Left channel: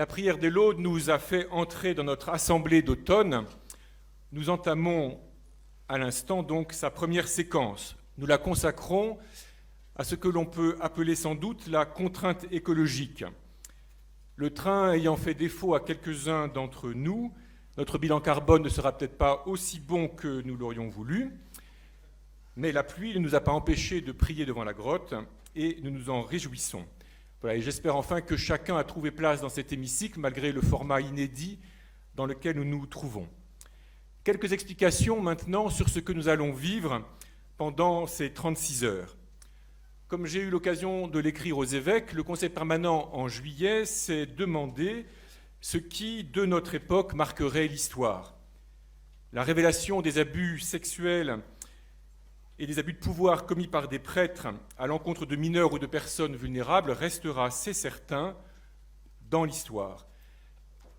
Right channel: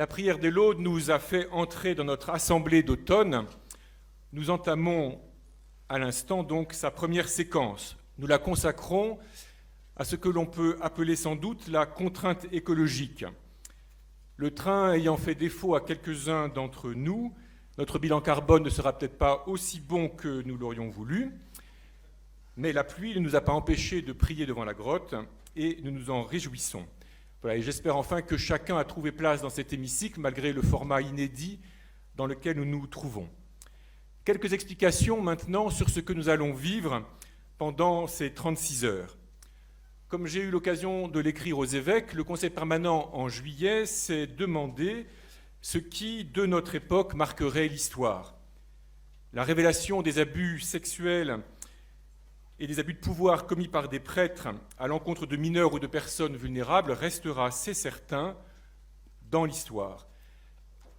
La prière de l'Aude nous a fait entrer dans notre assemblée d'automne. Nous entamons à l'instant donc sa première séquence. Nous la consacrons à ce que l'on peut appeler sans doute la contrainte écologique. Le train ayant fait défaut à quelques-uns d'entre nous, notre bilan carbone ne sera peut-être pas aussi bon que nous l'aurions voulu, mais la pluie ne nous a pas empêchés de prier devant la grotte et nous nous en réjouissons. Voilà, et j'espère enfin que chacun a trouvé place dans cet hémicycle malgré le format inédit dans lequel nous nous trouvons. Quelques explications maintenant sur ce que nous allons vivre pendant ces 36 heures. Comme j'ai eu l'occasion de l'écrire aux évêques, le Conseil permanent en juillet s'est demandé ce qui, de notre époque, marquerait l'histoire. La révélation des abus sexuels et des abus de pouvoir commis par des prêtres à l'encontre de mineurs ou de personnes vulnérables restera, c'est certain, dans l'histoire.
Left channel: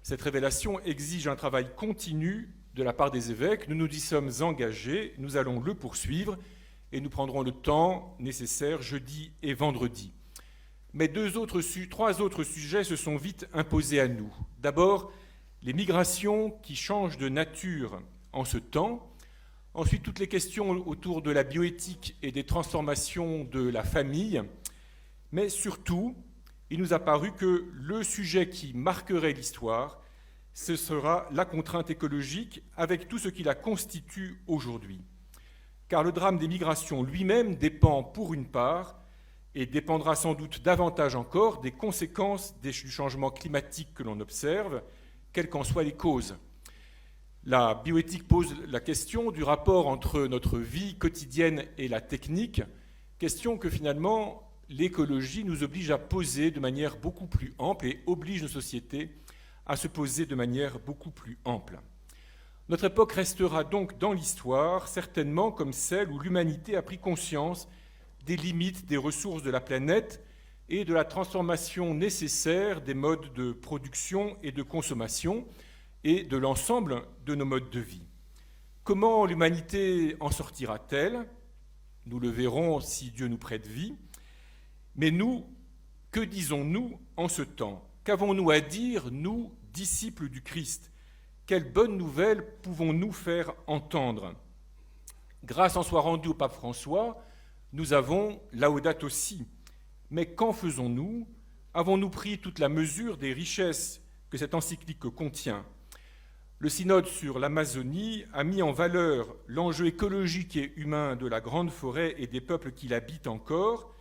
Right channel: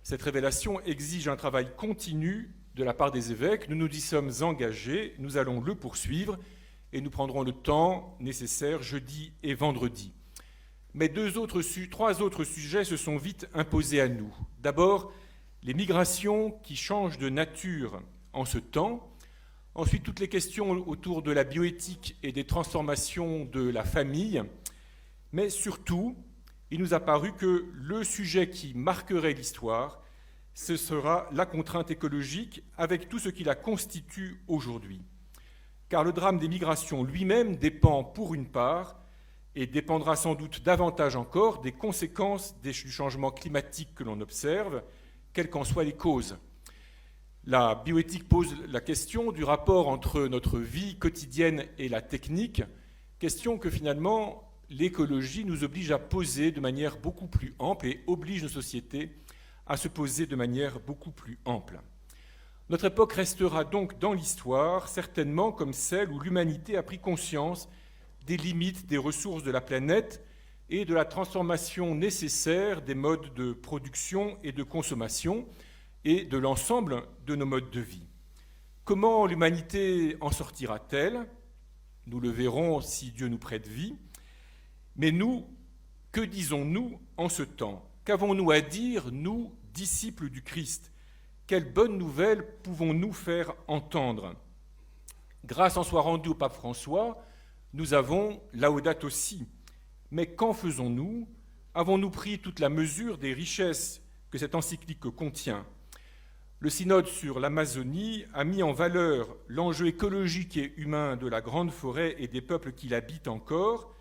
Cette révélation exige un travail continu de la part des évêques. Nous nous y sommes engagés, nous allons le poursuivre et nous prendrons le temps nécessaire jeudi et vendredi. Mais trois autres sujets se sont vite imposés à nous. D'abord, les migrations qui changent de nature en ce temps. Ensuite, toutes les questions autour de la bioéthique et des transformations de la famille. Mais surtout, il nous a paru que le sujet qui marquerait l'histoire, ce sera la contrainte écologique avec tout ce qui la constitue aujourd'hui. Car le drame des migrations lui-même dépend pour une part, et dépendra sans doute davantage encore, des conséquences du changement climatique que l'on observe, quelles qu'en soient les causes. La bioéthique pose la question du rapport entre notre vie quotidienne et la technique, question que finalement l'écologie nous oblige à poser de manière beaucoup plus ample et oblige nos sociétés à se poser de manière beaucoup plus ample. Notre époque restera donc dans l'histoire certainement comme celle où l'humanité a pris conscience des limites des ressources de la planète et de la transformation nécessaire des modes de production et de consommation et de l'ensemble de nos modes de vie. Comment l'humanité en sortira-t-elle? Nous le verrons si Dieu nous prête vie. Mais nous, que disons-nous en ce temps? Qu'avons-nous à dire, nous, disciples du Christ? Quelle bonne nouvelle pouvons-nous faire entendre? Grâce en soit rendue au pape François, nous avons Laudato Si. Mais qu'en faisons-nous? Avons-nous pris toute la mesure des richesses que cette encyclique contient? Le synode sur l'Amazonie a mis en valeur l'enjeu écologique et humain de la grande forêt et des peuples qui l'habitent encore.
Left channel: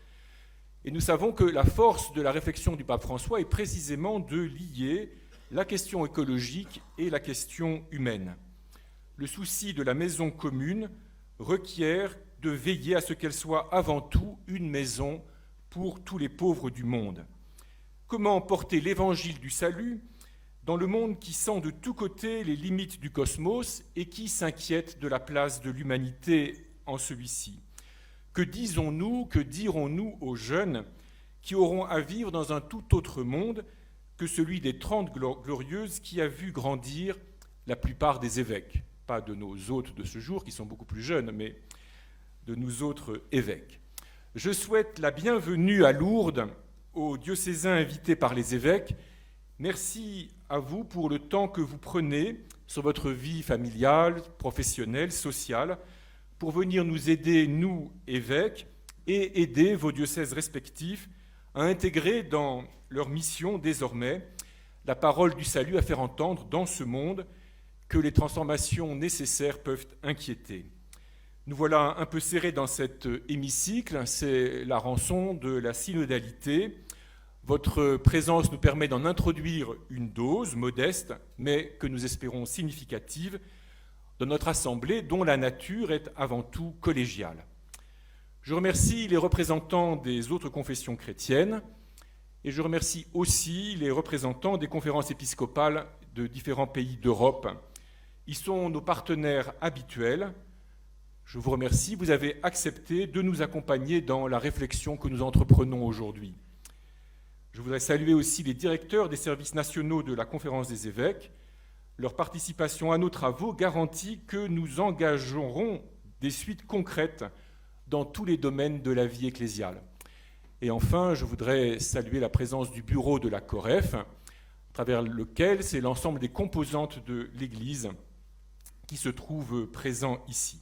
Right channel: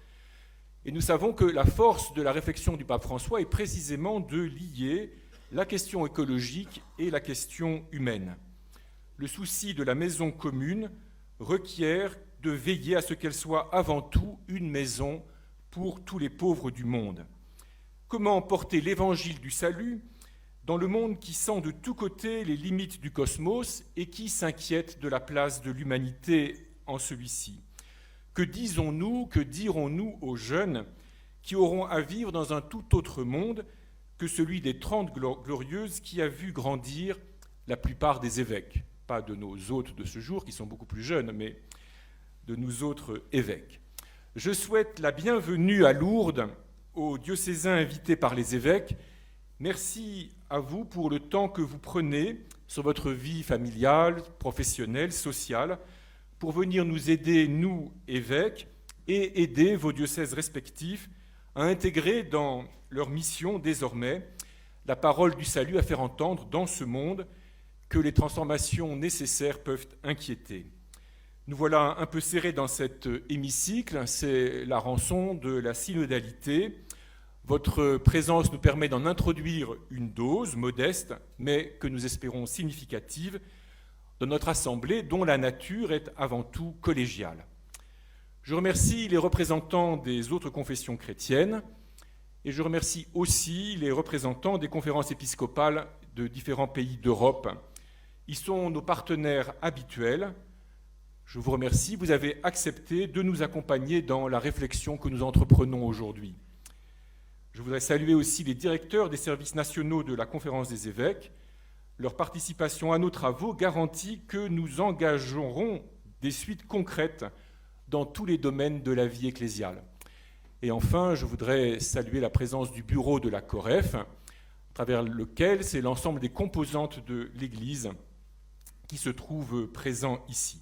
Et nous savons que la force de la réflexion du pape François est précisément de lier la question écologique et la question humaine. Le souci de la maison commune requiert de veiller à ce qu'elle soit avant tout une maison pour tous les pauvres du monde. Comment porter l'évangile du salut dans le monde qui sent de tous côtés les limites du cosmos et qui s'inquiète de la place de l'humanité en celui-ci? Que disons-nous, que dirons-nous aux jeunes qui auront à vivre dans un tout autre monde que celui des 30 glorieuses qui a vu grandir la plupart des évêques? Pas de nos hôtes de ce jour qui sont beaucoup plus jeunes, mais de nous autres évêques. Je souhaite la bienvenue à Lourdes aux diocésains invités par les évêques. Merci à vous pour le temps que vous prenez sur votre vie familiale, professionnelle, sociale, pour venir nous aider, nous, évêques, et aider vos diocèses respectifs à intégrer dans leur mission désormais la parole du salut à faire entendre dans ce monde que les transformations nécessaires peuvent inquiéter. Nous voilà un peu serrés dans cet hémicycle, c'est la rançon de la synodalité. Votre présence nous permet d'en introduire une dose modeste, mais que nous espérons significative, de notre assemblée dont la nature est avant tout collégiale. Je remercie les représentants des autres confessions chrétiennes et je remercie aussi les représentants des conférences épiscopales de différents pays d'Europe. Ils sont nos partenaires habituels. Je vous remercie, vous avez accepté de nous accompagner dans la réflexion que nous entreprenons aujourd'hui. Je voudrais saluer aussi les directeurs des services nationaux de la Conférence des évêques. Leur participation à nos travaux garantit que nous engagerons des suites concrètes dans tous les domaines de la vie ecclésiale. Et enfin, je voudrais saluer la présence du bureau de la COREF, à travers lequel c'est l'ensemble des composantes de l'Église qui se trouvent présents ici.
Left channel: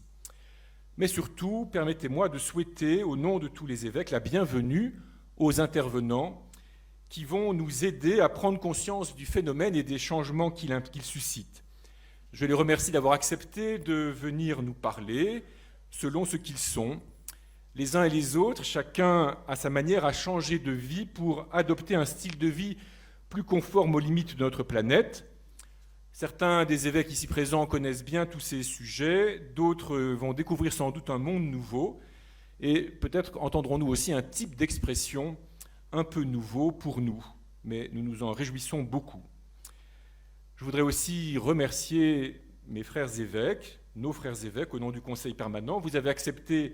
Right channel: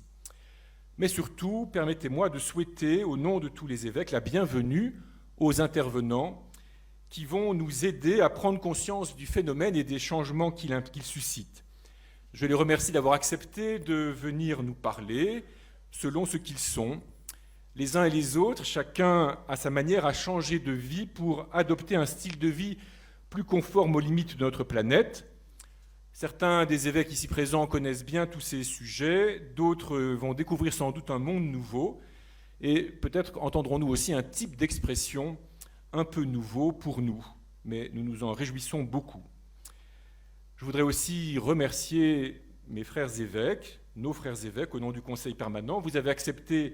Mais surtout, permettez-moi de souhaiter, au nom de tous les évêques, la bienvenue aux intervenants qui vont nous aider à prendre conscience du phénomène et des changements qu'il suscite. Je les remercie d'avoir accepté de venir nous parler selon ce qu'ils sont. Les uns et les autres, chacun à sa manière a changé de vie pour adopter un style de vie plus conforme aux limites de notre planète. Certains des évêques ici présents connaissent bien tous ces sujets, d'autres vont découvrir sans doute un monde nouveau, et peut-être entendrons-nous aussi un type d'expression un peu nouveau pour nous, mais nous nous en réjouissons beaucoup. Je voudrais aussi remercier mes frères évêques, nos frères évêques, au nom du Conseil permanent. Vous avez accepté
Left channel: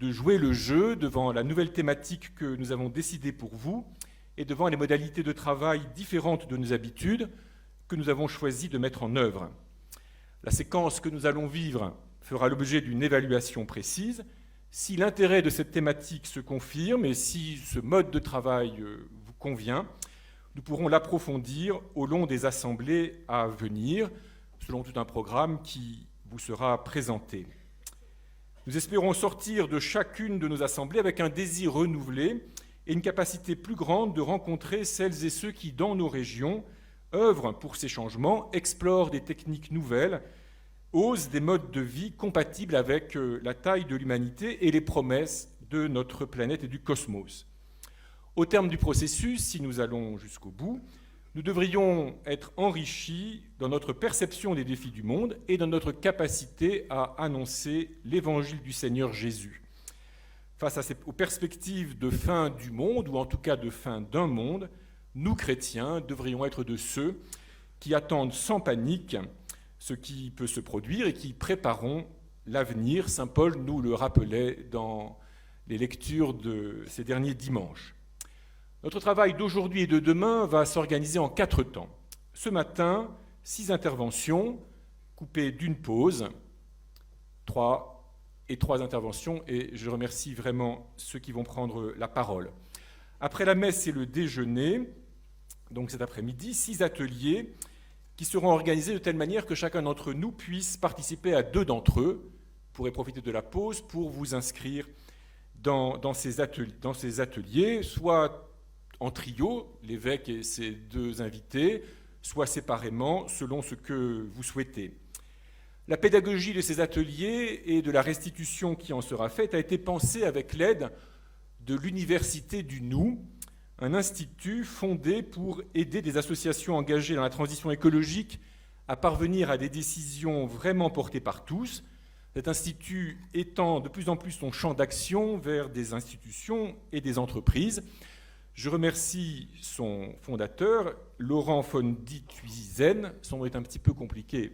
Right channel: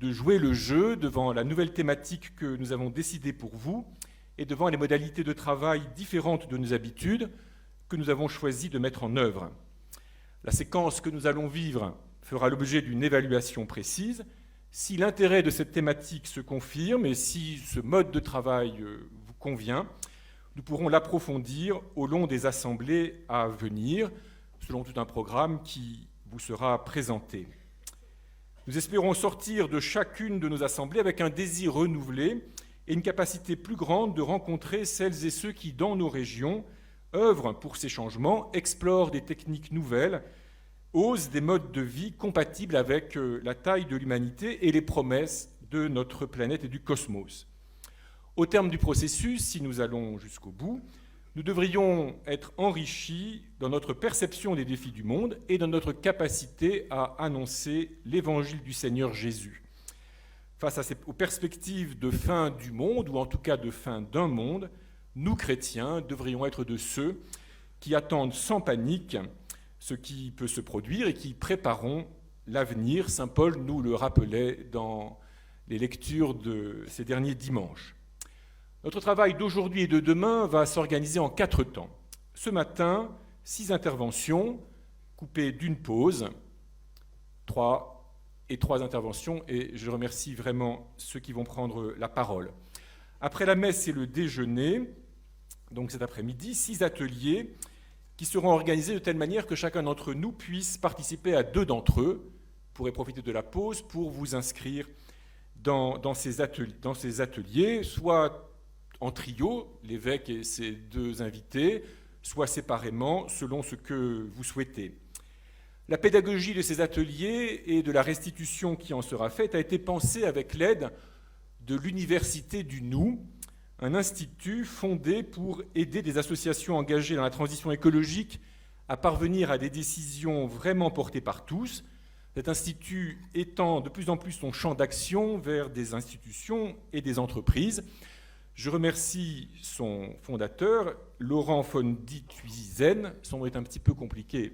de jouer le jeu devant la nouvelle thématique que nous avons décidée pour vous et devant les modalités de travail différentes de nos habitudes que nous avons choisi de mettre en œuvre. La séquence que nous allons vivre fera l'objet d'une évaluation précise. Si l'intérêt de cette thématique se confirme et si ce mode de travail vous convient, nous pourrons l'approfondir au long des assemblées à venir, selon tout un programme qui vous sera présenté. Nous espérons sortir de chacune de nos assemblées avec un désir renouvelé et une capacité plus grande de rencontrer celles et ceux qui, dans nos régions, œuvrent pour ces changements, explorent des techniques nouvelles, osent des modes de vie compatibles avec la taille de l'humanité et les promesses de notre planète et du cosmos. Au terme du processus, si nous allons jusqu'au bout, nous devrions être enrichis dans notre perception des défis du monde et dans notre capacité à annoncer l'évangile du Seigneur Jésus. Face aux perspectives de fin du monde, ou en tout cas de fin d'un monde, nous, chrétiens, devrions être de ceux qui attendent sans panique ce qui peut se produire et qui préparons l'avenir. Saint Paul nous le rappelait dans les lectures de ces derniers dimanches. Notre travail d'aujourd'hui et de demain va s'organiser en 4 temps. Ce matin, 6 interventions, coupées d'une pause, 3 interventions, et je remercie vraiment ceux qui vont prendre la parole. Après la messe et le déjeuner, donc cet après-midi, 6 ateliers qui seront organisés de telle manière que chacun d'entre nous puisse participer à 2 d'entre eux. Vous pourrez profiter de la pause pour vous inscrire dans ces ateliers, soit en trio, l'évêque et ses 2 invités, soit séparément, selon ce que vous souhaitez. La pédagogie de ces ateliers et de la restitution qui en sera faite a été pensée avec l'aide de l'Université du Nou, un institut fondé pour aider des associations engagées dans la transition écologique à parvenir à des décisions vraiment portées par tous. Cet institut étend de plus en plus son champ d'action vers des institutions et des entreprises. Je remercie son fondateur, Laurent von Diethuizen. Son nom est un petit peu compliqué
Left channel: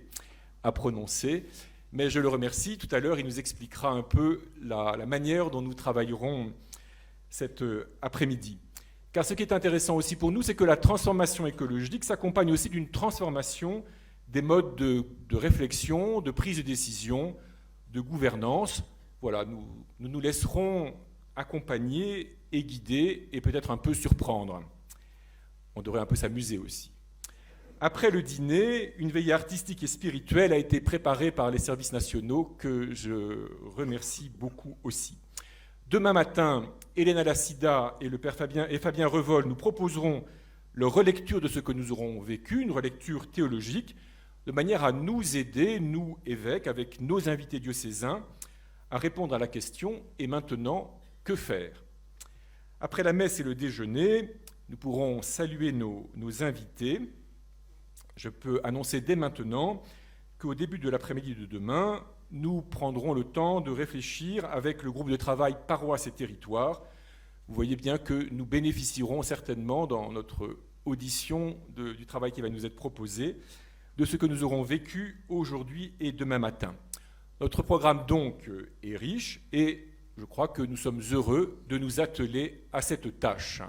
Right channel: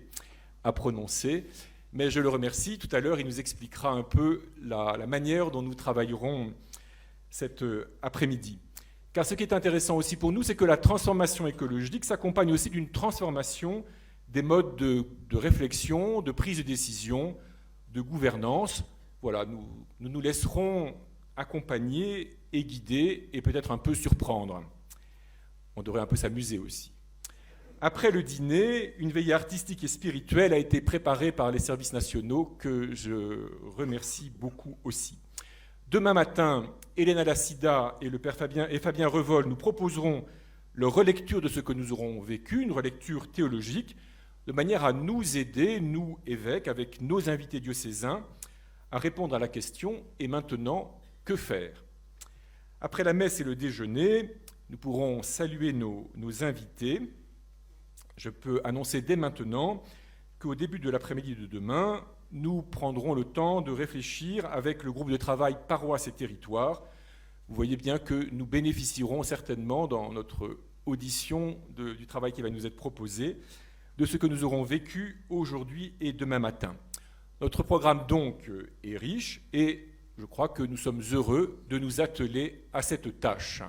à prononcer, mais je le remercie. Tout à l'heure, il nous expliquera un peu la manière dont nous travaillerons cet après-midi. Car ce qui est intéressant aussi pour nous, c'est que la transformation écologique s'accompagne aussi d'une transformation des modes de réflexion, de prise de décision, de gouvernance. Voilà, nous laisserons accompagner et guider et peut-être un peu surprendre. On devrait un peu s'amuser aussi. Après le dîner, une veillée artistique et spirituelle a été préparée par les services nationaux que je remercie beaucoup aussi. Demain matin, Hélène Alassida et le père Fabien Revol nous proposeront leur relecture de ce que nous aurons vécu, une relecture théologique, de manière à nous aider, nous évêques, avec nos invités diocésains, à répondre à la question « Et maintenant, que faire ?» Après la messe et le déjeuner, nous pourrons saluer nos invités. Je peux annoncer dès maintenant qu'au début de l'après-midi de demain, nous prendrons le temps de réfléchir avec le groupe de travail Paroisse et Territoire. Vous voyez bien que nous bénéficierons certainement dans notre audition du travail qui va nous être proposé de ce que nous aurons vécu aujourd'hui et demain matin. Notre programme donc est riche et je crois que nous sommes heureux de nous atteler à cette tâche.